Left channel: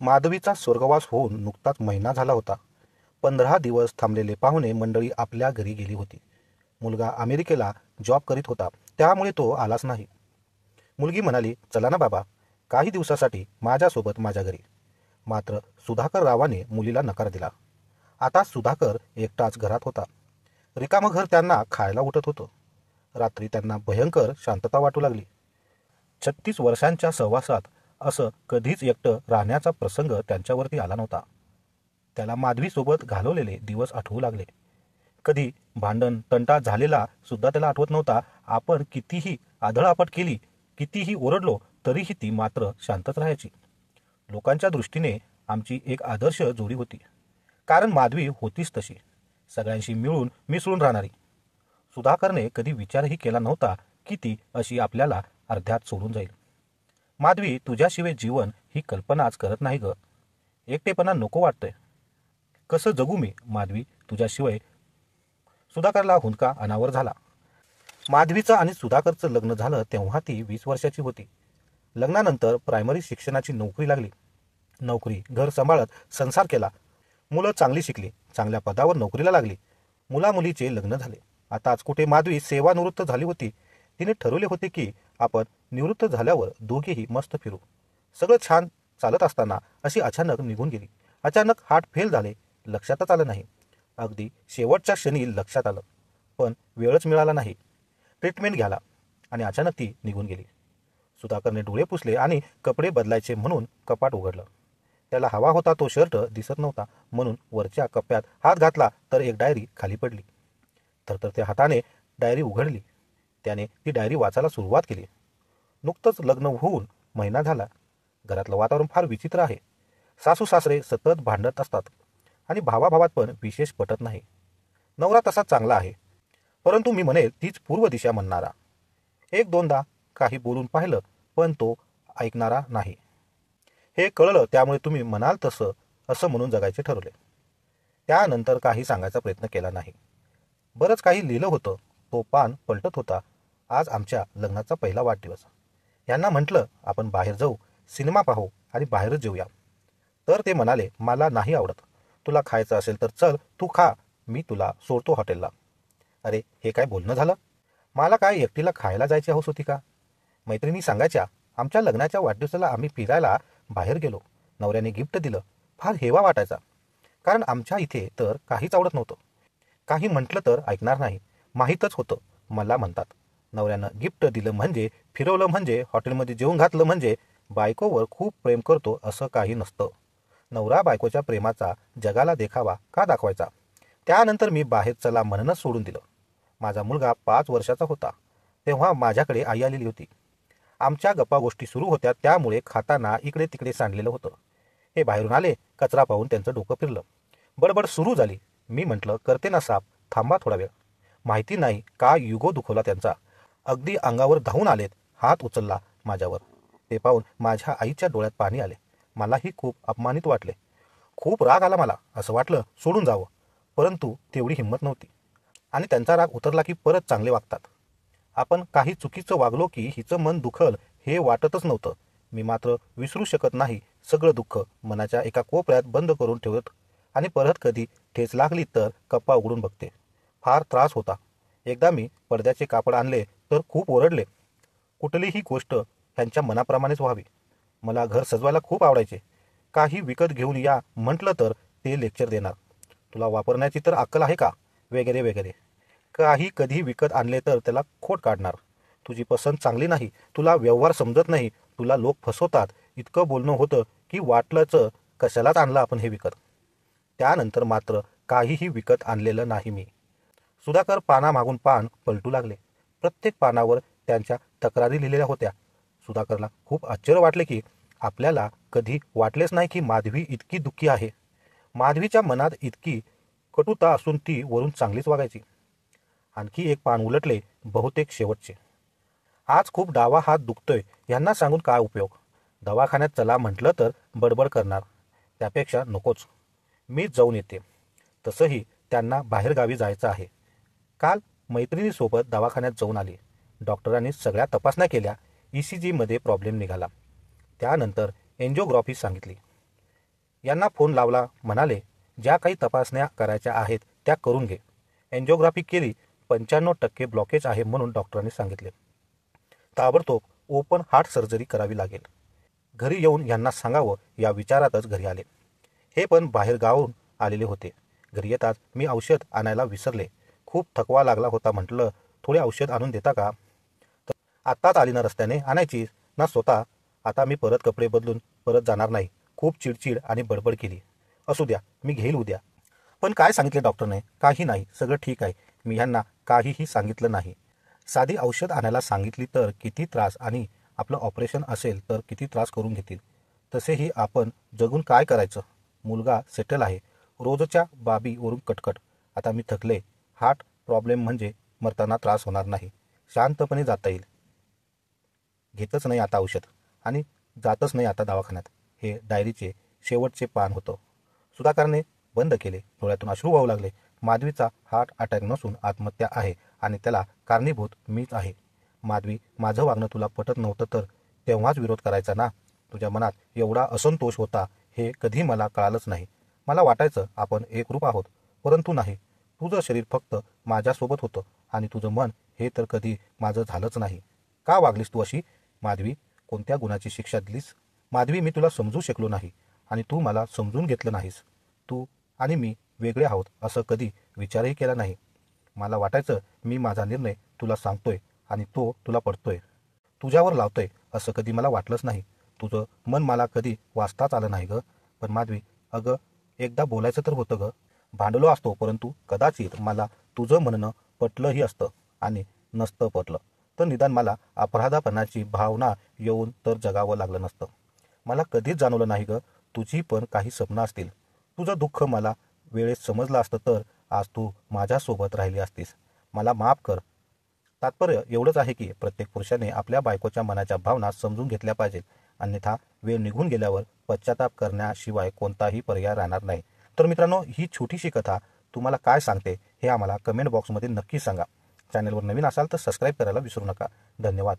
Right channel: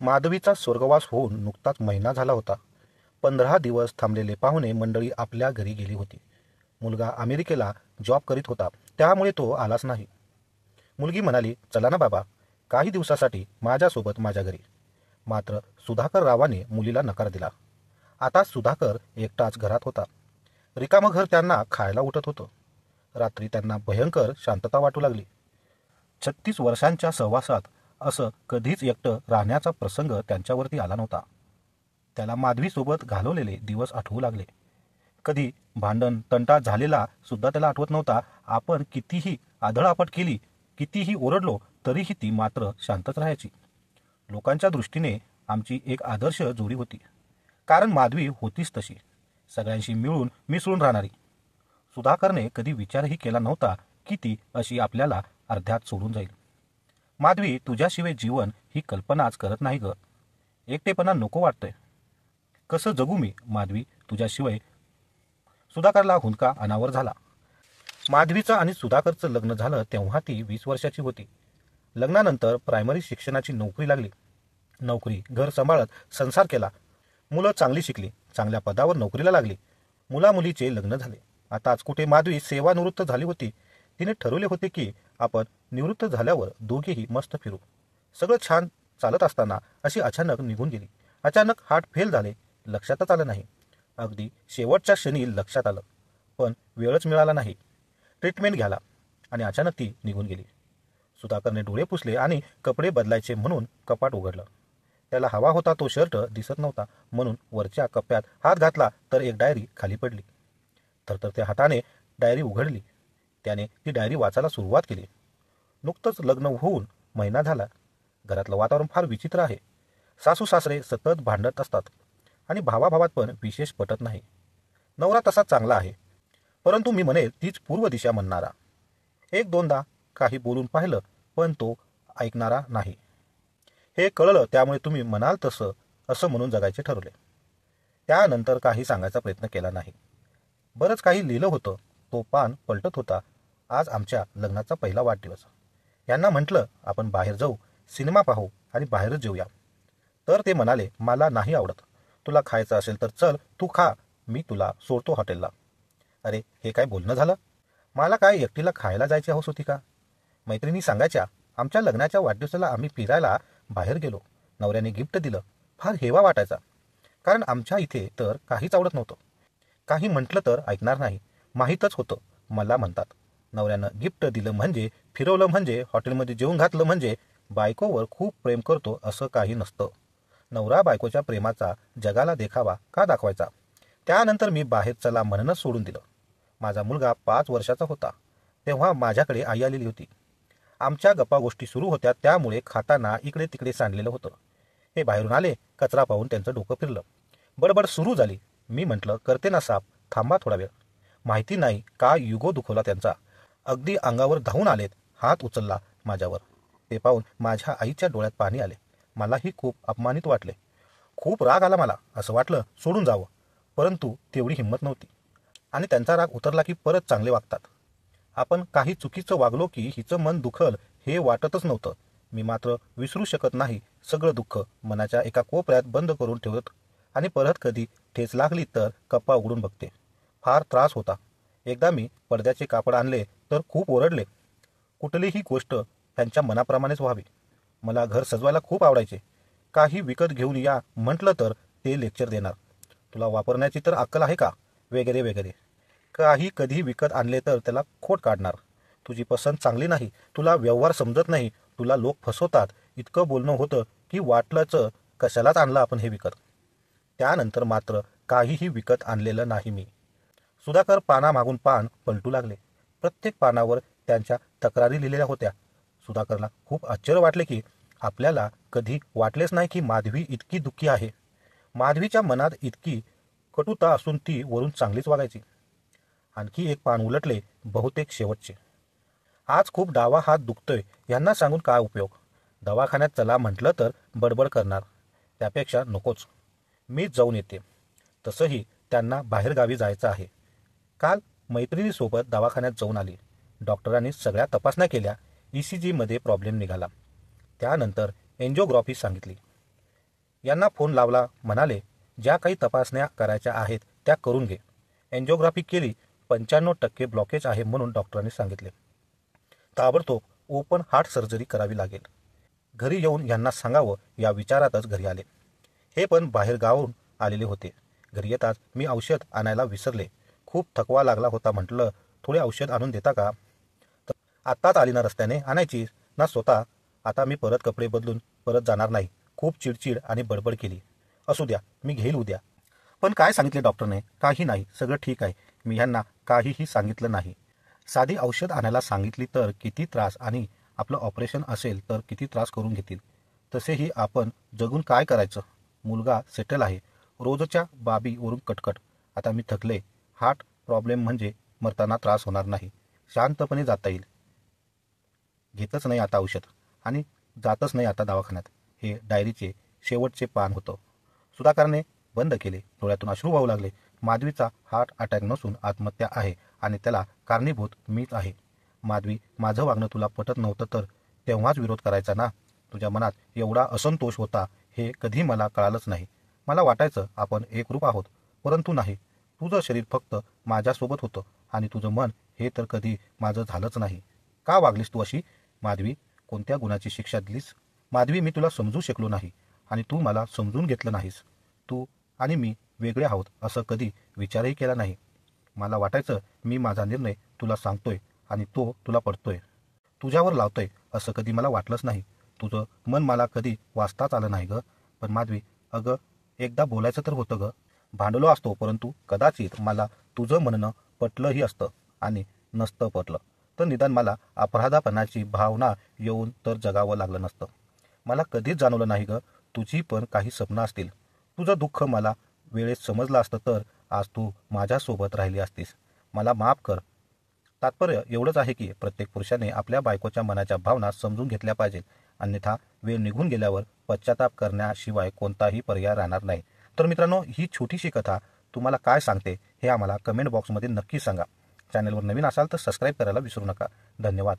माधवीचा स्वर्गवास होऊन नुकताच महिना झाला होता. 15 दिवस थांबलेले पाहुणे मंडळी आपल्या घरी गेली होती. मुलगा अमेरिकेला जॉब करीत होता, त्यामुळे तो आलाच नाही. मुलगी म्हणाली, चला ना बाबा, काही दिवसासाठी माझ्यासोबत माझ्या घरी. मात्र सुधाकर रावाने मुलीला नकार दिला. आता सुधाकर एकटाच घरात होता. रिकामं घर त्यांना खायला उठत होतं. रात्री त्यांना भयंकर शांतता वाटू लागली. 36 वर्षांच्या सहवासात असं कधीच एकटं राहण्याचा प्रसंग त्यांच्यावरती आला नव्हता. त्याला माधवीसोबत घालवलेले दिवस आठवू लागले. कधी भांडण तंटा झालेला सुद्धा त्याला आठवत नव्हता. आपण कितीही आदळआपट केली, कितीही ओरडलो, तरीही ती मात्र शांतच राहायची. लोकांच्या दृष्टीने आमची एक आदर्श जोडी होती, कारण माधवी होतीच तशी, सगळ्यांशी मिळून मिसळून राहणारी. सुधाकरने कधी विचारही केला नव्हता की ती अशी आपल्याला अर्ध्यात सोडून जाईल. माधवी, तुझ्याशिवाय जीवन ही कल्पनाच करत नाही ग. एकटेपणा नको वाटतंय. कसं जगू मी माधवी तुझ्याशिवाय? सुधाकरला हुंदका अनावर झाला. माधवीचं आणि सुधाकरचं लग्न झालं तेव्हा ती 20 वर्षाची होती. लग्नानंतर प्रायमरी शिक्षणाची नोकरी लागली. नोकरी, घर सांभाळत संसार केला. मुलं चांगली शिकली, चांगल्या पदावर नोकरीला लागली. मुलामुलीचे लग्न झाले. आताच कुठे माधवी सेवानिवृत्त झाली होती. तिने ठरवले होते की आपण निवृत्त झाल्यावर दोघेही मस्त फिरू. सगळं छान चालत असताना अशी अचानक निघून गेली. अचानक हार्ट फेल झाले. लक्षातच आलं नाही. अगदी शेवटच्या क्षणी लक्षात आलं, पण वेळच मिळाला नाही ट्रीटमेंट घ्यायला, आणि अचानक ती निघून गेली. सुधाकरने डोळे पुसले आणि कपडे बदलायचे म्हणून कपाट उघडलं. त्याला हवा होता तो शर्ट दिसत नव्हता, म्हणून वरच्या कप्प्यात हात घातला तर एक डायरी खाली पडली. थरथरत्या हाताने डायरी उघडली. त्याने ती डायरी वाचायला सुरुवात केली. नुकतंच लग्न होऊन महिना झाला. घरातलं वातावरण फार विचित्र आहे. सासू सासरे सतत भांडत असतात आणि भावाभावात पण विशेष पटत नाही. नवरा तसा चांगला आहे, परंतु मी म्हणेल तीच पूर्व दिशा म्हणणारा. एक दोनदा काही बोलून पाहिलं, पण तो ऐकणारा नाही. हे कळलं, त्यामुळे तुम्ही म्हणाल तसं असं म्हणून जगायचे ठरवले. त्यानंतर काही सांगायचा प्रयत्न केला नाही. बरंच काही लिहिलं होतं. तो पान पलटत होता. आज आमच्या लग्नाचा पहिला वाढदिवस. यांना म्हटलं आपण बाहेर जाऊ, सिनेमा पाहू आणि बाहेरच जेऊया. तर ते म्हणाले, मला नाही आवडत. तुला खायचं असेल तर चल, तू खा, मी तुला सोडतो हॉटेलला. अरे, हे काय बोलणं झालं? मला काय एकटीला खायला जायची हौस होती का? मैत्रिणी सांगायच्या, आमच्या लग्नाच्या वाढदिवसाला आम्ही फिरायला बाहेर गेलो. नवऱ्याने गिफ्ट दिलं. फार हेवा वाटायचा, कारण आमच्या इथे तर काहीच आवडत नव्हतं. काही म्हटलं तर ऐकणार नाही, माहीतच होतं. मला म्हणतात, नवऱ्यानं गिफ्ट दिलं म्हणजे, फिरवलं म्हणजे, हॉटेलमध्ये जेवून घातलं म्हणजे बायकोवर खूप प्रेम करतो असं काही नसतं. नवरा बायकोच्या प्रेमाचा जगाला देखावा का दाखवायचा? त्यानंतर मी बाहेर चला म्हणूनच सोडून दिलं. माझा मुलगा 5 वर्षाचा होता तेव्हा माझ्याकडे आई आलेली होती. आमच्या गप्पा गोष्टी सुरू होत्या, त्यामुळे खाताना इकडे तिकडे सांडलेलं होतं. हे बाहेरून आले. कचरा पाहून त्यांचं डोकं फिरलं. बडबड सुरू झाली. मी म्हटलं, करते ना साफ, थांबा थोडा वेळ. माहिती नाही का युगो दुखवला त्यांचा. अगदी अंगावर धावून आलेत. हात उचलला माझ्यावर. ते पाहून माझ्या आईच्या डोळ्यात पाणी आले. मलाही खूप अपमानित वाटले. खूप राग आला मला. असं वाटलं सोडून जावं, परंतु तेवढी हिंमत नव्हती. आणि त्यांचा राग उतरला की परत चांगले वागतात. आपण काही चुकीचं वागलो की हिचं मन दुखल हे वाटतच नव्हतं. मी मात्र विसरू शकत नाही सगळं दुःख मनाच्या एका कोपऱ्यात बंद करून ठेवत, आणि परत कधी ठेच लागली तर कप्पा उघडून बघते. फार त्रास होता. एकदा मी पडद्याचे कापड आणले तर खूप ओरडले. कुठलीही गोष्ट ह्यांच्या मनाप्रमाणेच व्हावी. मला घर सजवायला खूप आवडायचे. काही विकत घेऊन या म्हटलं तर ते लेक्चर देणार. तुला वापरण्याची तर अक्कल आहे का, वगैरे वगैरे. काही कधी विकत आणले तर त्याला खोट काढणार. तुझी पसंत चांगली नाही, तुला व्यवहार समजत नाही, तुला लोक फसवतात, इतकं बोलणं होतं की वाटलंच कशालाच आणलं आपण हे विकत. त्यानंतर मात्र काहीही विकत आणलेलं नाही मी. सुधाकर पानामागून पान पलटू लागले. प्रत्येक पानावर त्यांच्या तक्रारी लिहिलेल्या होत्या. सुधाकरला खूप आश्चर्य वाटले की आपल्याला कधी वाटलेच नाही की माधवी इतकी दुःखी आहे. माधवीच्या मनात इतकी कटुता असून ती वरून चांगलीच वागायची. आणखी एक पान उलटले, बहुतेक शेवटचे. आज खूप डावा हात दुखतोय. यांना सांगून काय उपयोग? दवाखान्यात चला म्हटलं तर बडबड करणार. त्यापेक्षा नकोच, मीच जाऊन येते. तसंही त्यांना बाहेरगावी जायचं आहे. काल मैत्रिणीसोबत दवाखान्यात जाऊन आली. डॉक्टरांनी सगळ्या तपासण्या केल्या. ECG मध्ये प्रॉब्लेम निघाला. त्यानंतर एन्जिओग्राफी सांगितली. यांना फोन लावला, म्हणाले ज्या काही तपासण्या करायच्या आहेत त्या करून घे. एन्जिओग्राफी केली, 95% ब्लॉकेज आहे म्हणून डॉक्टरांनी सांगितले. ताबडतोब ओपन हार्ट सर्जरी करावी लागेल. घरी येऊन यांना सांगावं या विचारातच घरी आले. हे पण बाहेर गावाहून आलेले होते. घरी येताच मी औषध आणायला विसरले. खूप थकवा लागला होता. म्हटलं थोडे औषध आणून देता का? तर आत्ताच आली ना, रस्त्याने आणायची ना स्वतः. आता मी परत कपडे बदलून परत जाणार नाही. खूप चिडचिड आणि बडबड केली. असू द्या, मी घेईल उद्या. पण काय सांगितले डॉक्टरने? काही नाही, सगळं ठीक आहे. मी ह्यांना काहीही सांगितलं नाही. साधी औषध आणायला सांगितली तर किती त्रास, आणि आपलं ऑपरेशन असेल तर किती त्रास करून घेतील. तसेही आपण जगून काय करायचं? मुलगा सेटल आहे. रोजच्या बाबीवरून कटकट. आता मी थकले. हार्ट प्रॉब्लेम म्हणजे मरताना त्रास होणार नाही. शांतपणे जाता येईल. घेतच नाही आता औषध आणि जातच नाही आता दवाखान्यात. हे डायरीचे शेवटचे पान होतं. सुधाकरने बंद केले. डोळ्यातून अश्रू वाहू लागले. माधवीचा हार्ट अटॅक नसून आत्महत्या आहे आणि त्याला कारणीभूत मीच आहे. माधवी, माझं वागणं तुला पटत नव्हतं तर तेव्हाच विरोध करायचा ना. तुझ्या मनात एवढा असंतोष होता हे कधी मला कळालंच नाही. मला वाटायचं आपण एकरूप आहोत, परंतु नाही. तुझं शरीर फक्त माझ्यासोबत होतं आणि तुझं मन हे तर कधी माझं झालंच नाही. का वागलीस तू अशी? माधवी, कोणत्या गुणाची शिक्षा दिलीस? माधवी, मी तुला समजू शकलो नाही आणि तू मला समजून घेतलं नाहीस. तू आणि मी वेगळे आहोत असं कधी विचारही केला नाही. मला वाटायचं मी माझा निर्णय तुला सांगतोय आणि तो तुला पडतोय, तुझ्यावर लावतोय असं कधी मला वाटलंच नाही. तुझं मन मला कधी वाचताच आलं नाही ग. पण माधवी, अगं एकदा बोलायचं तर होतं ग. भांडलो असतो, परंतु कदाचित मला तुझं म्हणणं पटलंही असतं आणि नसतं पटलं तर निदान मला अपराधापणाची भावना येऊन तर जगावं लागलं नसतं. मला कधीच जाणवलं नाही ग, तुझी पण काही स्वप्न असतील. तुझं दुःख मला वेळेत समजलं असतं तर आज तू माझ्यासोबत राहिली असतीस. मला माफ कर. तात्पर्य एवढंच आहे की प्रत्येक पुरुषाने आपल्या बायकोच्या मनाच्या भावना समजून घेतल्या पाहिजेत. अन्यथा वेळ निघून गेल्यावर पश्चाताप करण्याशिवाय कोणताही पर्याय राहणार नाही. तर मित्रांनो, ही छोटीशी कथा तुम्हाला काय सांगते हे आम्हाला कमेंट बॉक्समध्ये नक्की सांगा. चॅनलवर नवीन असाल तर सबस्क्राईब करायला विसरू नका. धन्यवाद.